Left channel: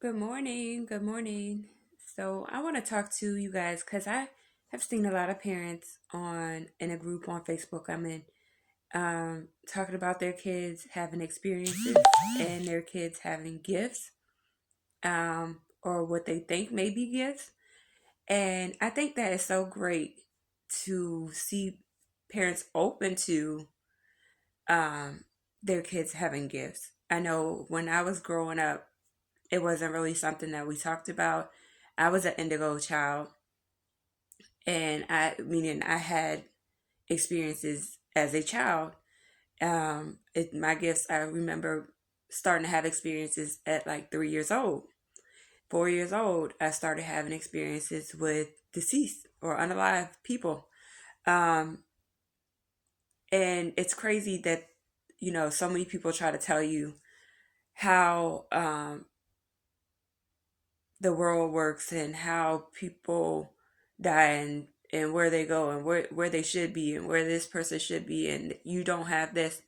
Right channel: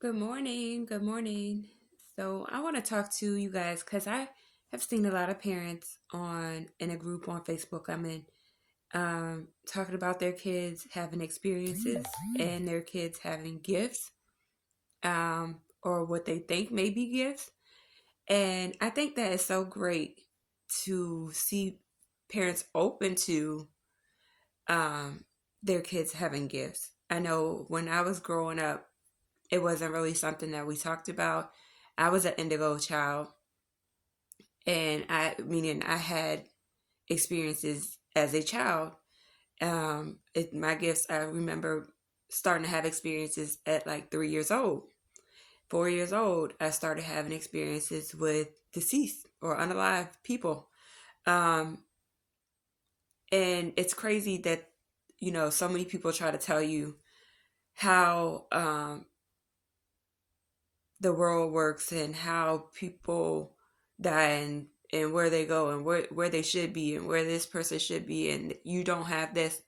Good morning. Good morning. So I want to talk to you guys because I have seen a lot of parents on in a group on Facebook I'm in talking about their kids having experiences and their kids having gifts or what they think may be gifts. And I think that is so great to see parents open to um, their kids having gifts. I know when I was growing up, it wasn't really something that we talked about. I was an indigo child, and meaning I had experiences as a child. My gifts, I remember starting to have experiences at like 3 years old. 4 years old, I started having experiences with deceased or unalive people. Um, and it's crazy that, so many people try to tell you how the world works and how people die and where they go and where they should be and where this person should be and you don't have this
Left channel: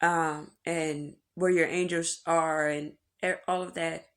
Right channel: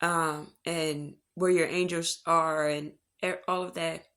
and where your angels are and all of that,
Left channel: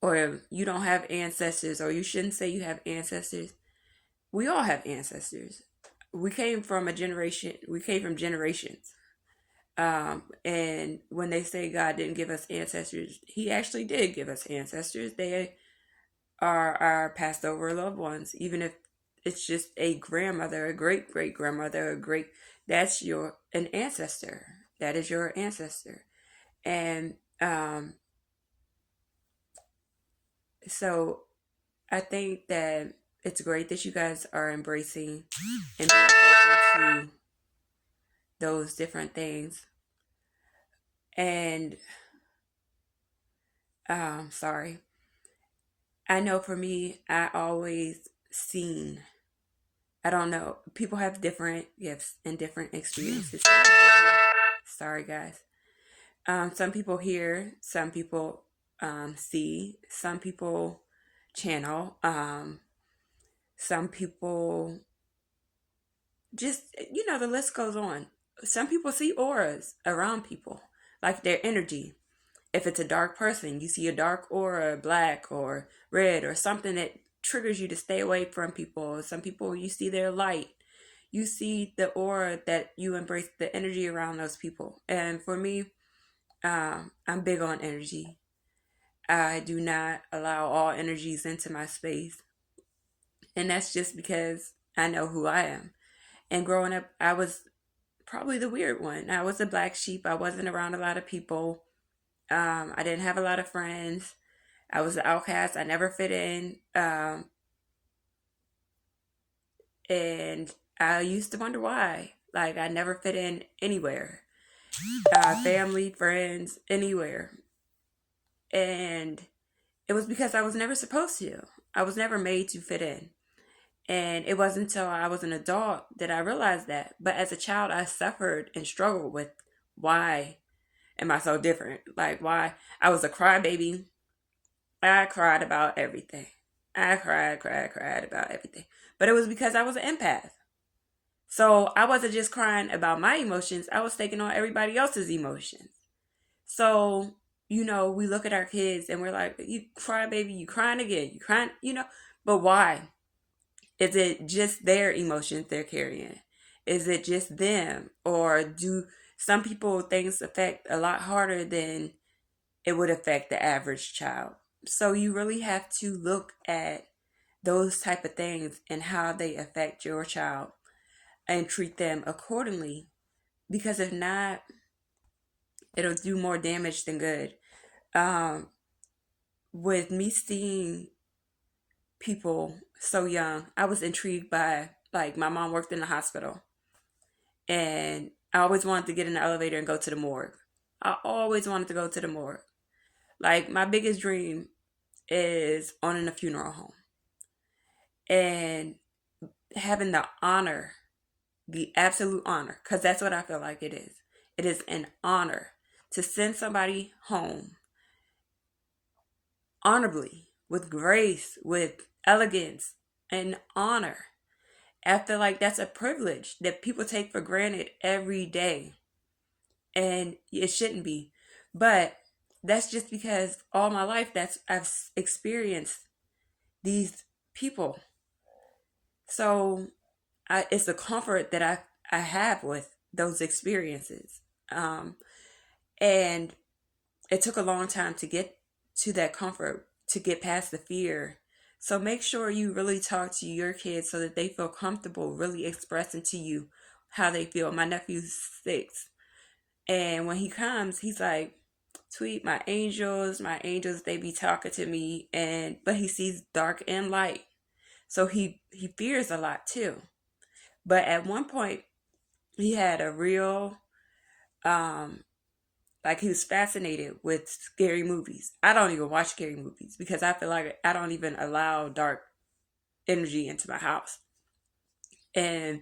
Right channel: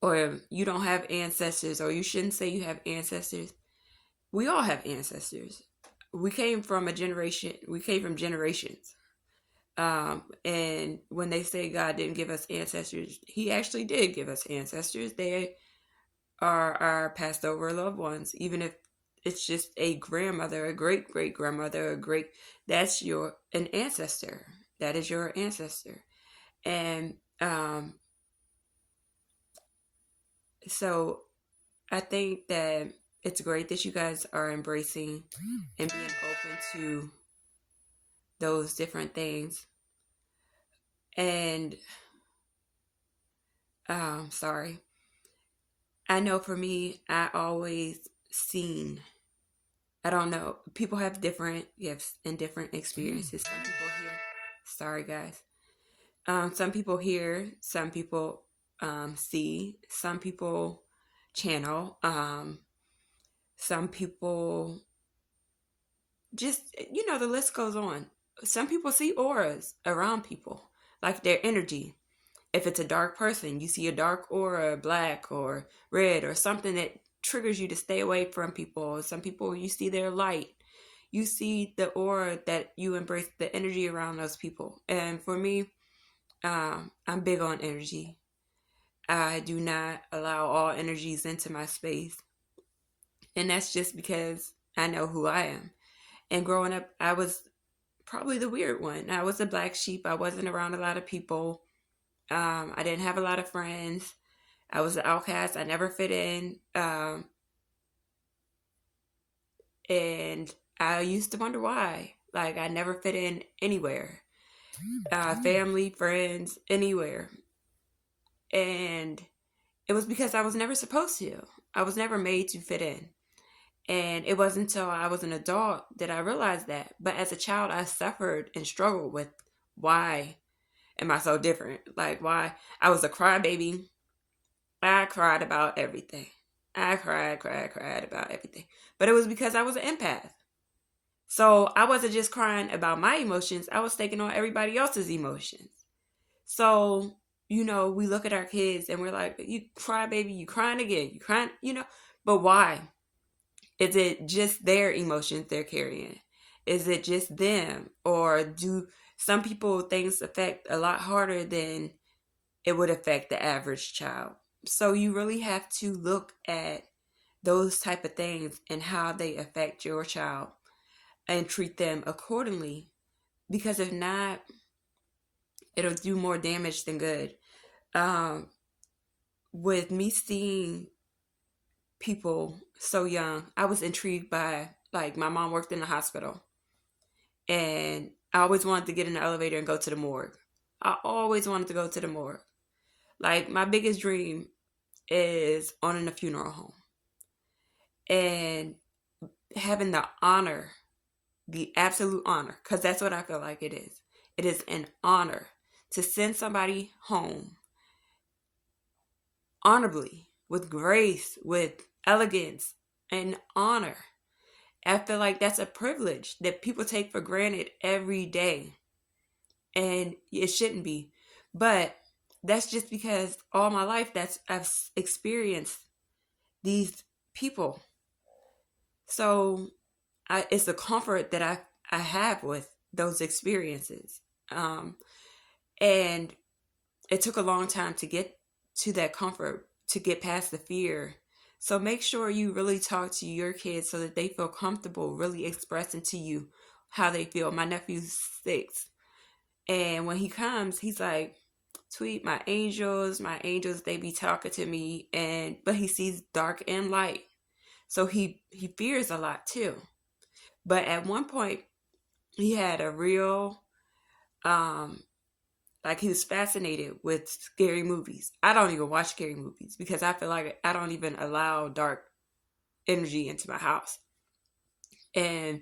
or you don't have ancestors, or you shouldn't say you have ancestors. We all have ancestors. We came from generations. And when they say God didn't give us ancestors, he actually did give us ancestors. They are our passed over loved ones, even if it's just a grandmother, a great great grandmother, that's your an ancestor. That is your ancestor. And so I think that it's great that you guys are embracing and being open to those different things. And sorry. I know for me, I always seen, I don't know. People have different gifts and different experiences. Sorry, guys. Some people hear, some people see, some people channel, some people just, the list goes on. Some people see auras around people, like their energy. If it's a dark person, you see a dark aura, black or red, or something that triggers you to stay away from people. Some people, you see their light. You see the aura that you embrace, the energy around those people. And for me, I'm big on energy. I do not allow all energies into my space. And that's just because I know who I am. And growing up, I was probably the weird one. I was a black sheep. I wasn't around a lot of people. I didn't have a lot of friends. I was an outcast. I never fit in. And I used to wonder why. Like, I never fit in anywhere. Family, friends, anywhere. And it was because I was never supposed to. I was never made to fit in. And it wasn't until I was an adult that I realized that. But as a child, I suffered and struggled with why am I so different? Like, why? I was a crybaby. I cried about everything. I cried about everything. But it was because I was an empath. So I wasn't just crying about my emotions, I was taking on everybody else's emotions. So, we look at our kids and we're like, you cry, baby, you crying again, you crying, but why? Is it just their emotions they're carrying? Is it just them? Or do some people things affect a lot harder than it would affect the average child? So you really have to look at those type of things and how they affect your child and treat them accordingly. Because if not, it'll do more damage than good. Um, with me seeing people so young, I was intrigued by, like, my mom worked in the hospital, and I always wanted to get in the elevator and go to the morgue. I always wanted to go to the morgue. Like, my biggest dream is owning a funeral home and having the honor, the absolute honor, because that's what I feel like it is. It is an honor to send somebody home honorably, with grace, with elegance, and honor. I feel like that's a privilege that people take for granted every day. And it shouldn't be. But that's just because all my life I've experienced these people. So it's a comfort that I have with those experiences. Um, and it took a long time to get to that comfort, to get past the fear. So make sure you really talk to your kids so that they feel comfortable really expressing to you how they feel. My nephew's 6. And when he comes, he's like, Tweet, my angels, they be talking to me, and but he sees dark and light. So he fears a lot too. But at one point he had a real like he was fascinated with scary movies. I don't even watch scary movies because I feel like I don't even allow dark energy into my house. And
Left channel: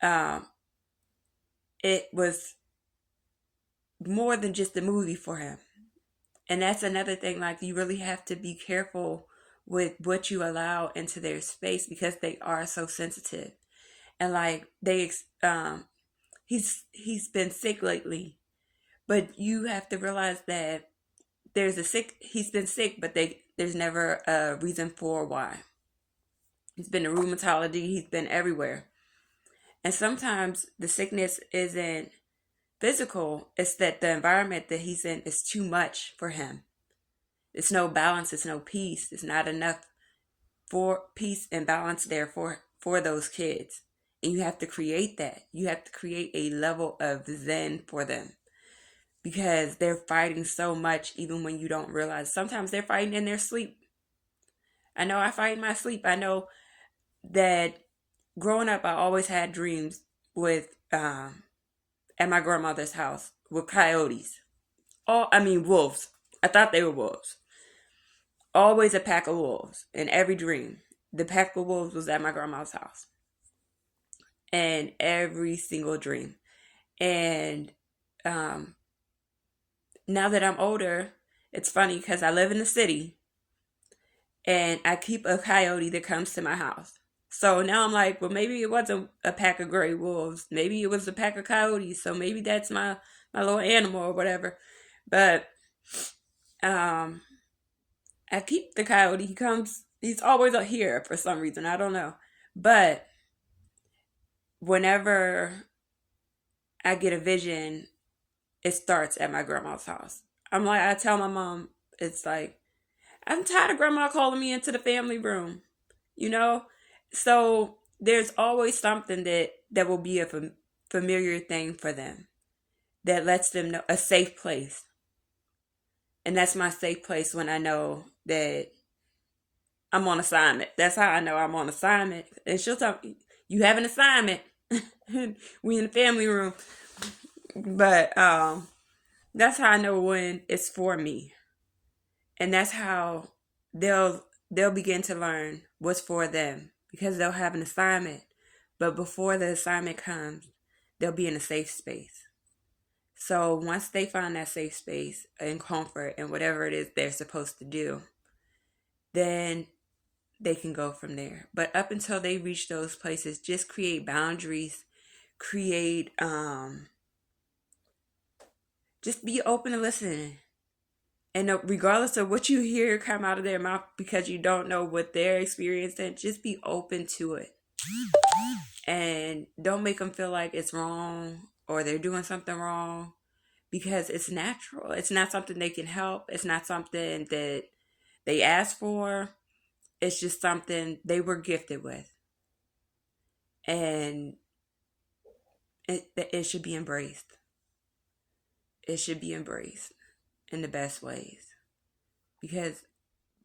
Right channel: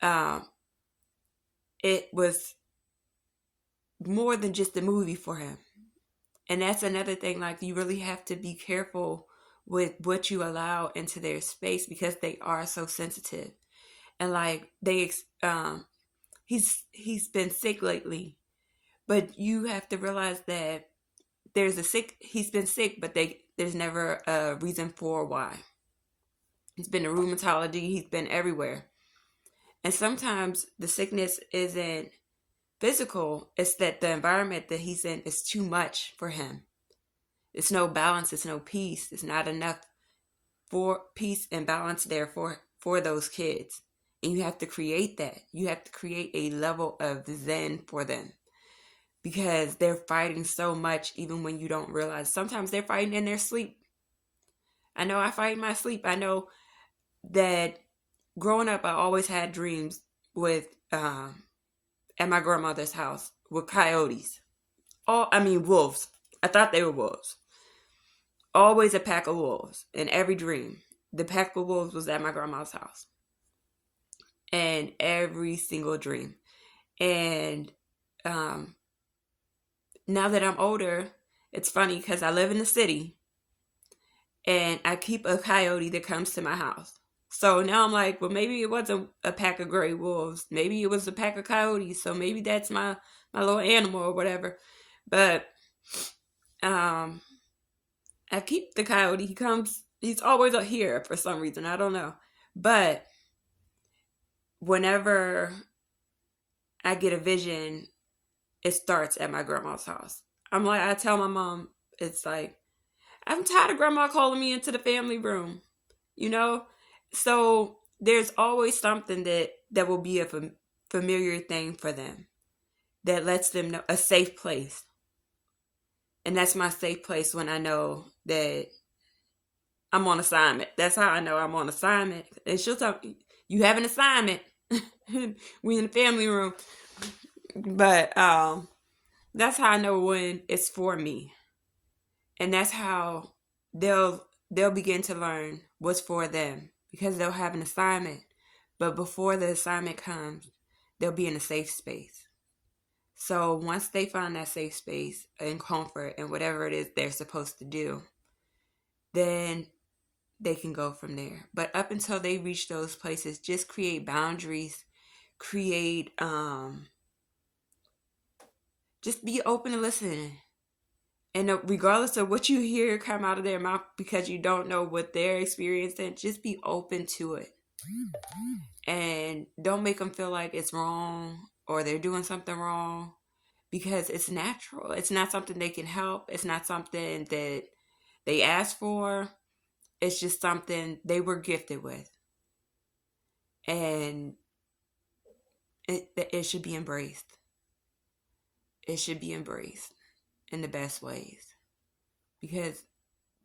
um, it was more than just a movie for him. And that's another thing, like you really have to be careful with what you allow into their space because they are so sensitive. And like he's been sick lately, but you have to realize that he's been sick, but there's never a reason for why. He's been in rheumatology, he's been everywhere. And sometimes the sickness isn't physical, it's that the environment that he's in is too much for him. It's no balance, it's no peace, it's not enough for peace and balance there for those kids. And you have to create that. You have to create a level of zen for them because they're fighting so much even when you don't realize. Sometimes they're fighting in their sleep. I know I fight in my sleep. I know that growing up, I always had dreams with at my grandmother's house with coyotes. Wolves. I thought they were wolves. Always a pack of wolves in every dream. The pack of wolves was at my grandma's house. And every single dream. And now that I'm older, it's funny because I live in the city and I keep a coyote that comes to my house. So now I'm like, well, maybe it wasn't a pack of gray wolves. Maybe it was a pack of coyotes. So maybe that's my little animal or whatever. But I keep the coyote. He's always up here for some reason. I don't know. But whenever I get a vision, it starts at my grandma's house. I tell my mom, it's like, I'm tired of grandma calling me into the family room, you know? So there's always something that will be a familiar thing for them that lets them know a safe place. And that's my safe place when I know that I'm on assignment. That's how I know I'm on assignment. And she'll tell me, you have an assignment. We in the family room. But that's how I know when it's for me. And that's how they'll begin to learn what's for them because they'll have an assignment. But before the assignment comes, they'll be in a safe space. So once they find that safe space and comfort and whatever it is they're supposed to do, then they can go from there. But up until they reach those places, just create boundaries, just be open to listening. And regardless of what you hear come out of their mouth because you don't know what they're experiencing, just be open to it. And don't make them feel like it's wrong or they're doing something wrong because it's natural. It's not something they can help. It's not something that they asked for. It's just something they were gifted with. And it should be embraced. It should be embraced in the best ways.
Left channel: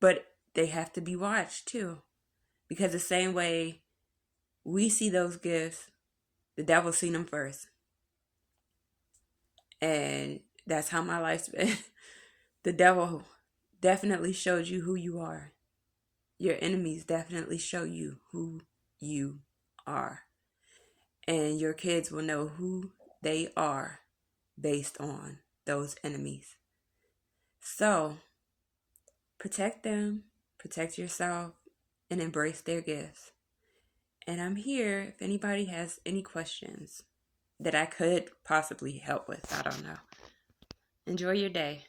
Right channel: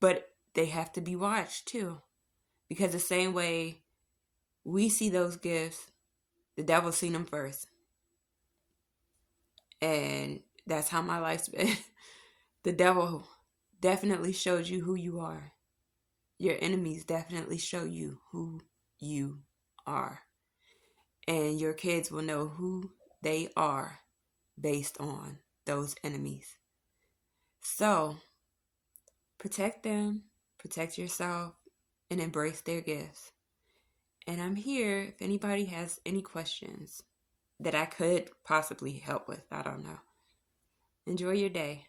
But they have to be watched too. Because the same way we see those gifts, the devil seen them first. And that's how my life's been. The devil definitely showed you who you are. Your enemies definitely show you who you are. And your kids will know who they are based on those enemies. So, protect them, protect yourself, and embrace their gifts. And I'm here if anybody has any questions that I could possibly help with. I don't know. Enjoy your day.